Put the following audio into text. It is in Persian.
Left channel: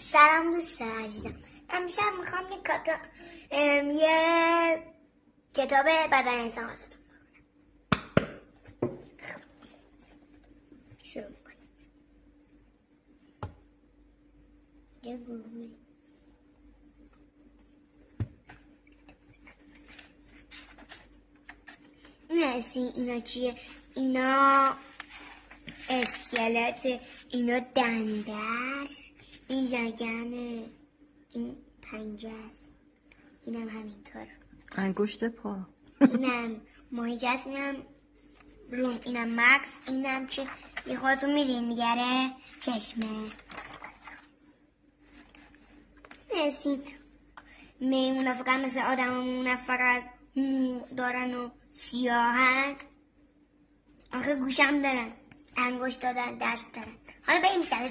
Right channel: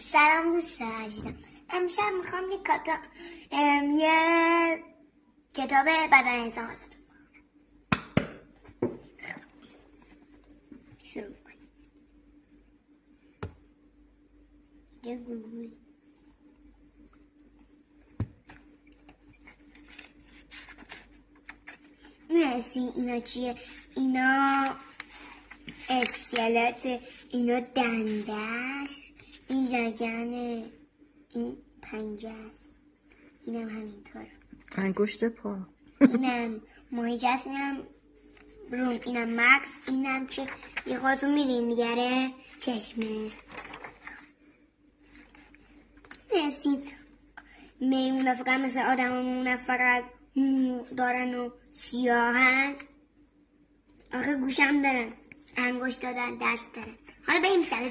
سلام دوست عزیزم. امشب میخوام یه کتاب بدن انسان واسهتون شروع میکنیم. یه گوگل مرسی. اینا چیه؟ اینا اسکلت، اینا دنده است، این لگنه، این پنجه است، اینم همینطور انگشت پا، اینم ماهیچه است، اینم بروم، اینم مکس، اینم چه یه خودتون میدین میگره چشمه. مرسی. میمونه فقط مثل آدم همونه، فقط دارن و سیاهن. آخه گوشم دارن، انگشت دارن، دست دارن. حالا بریم سر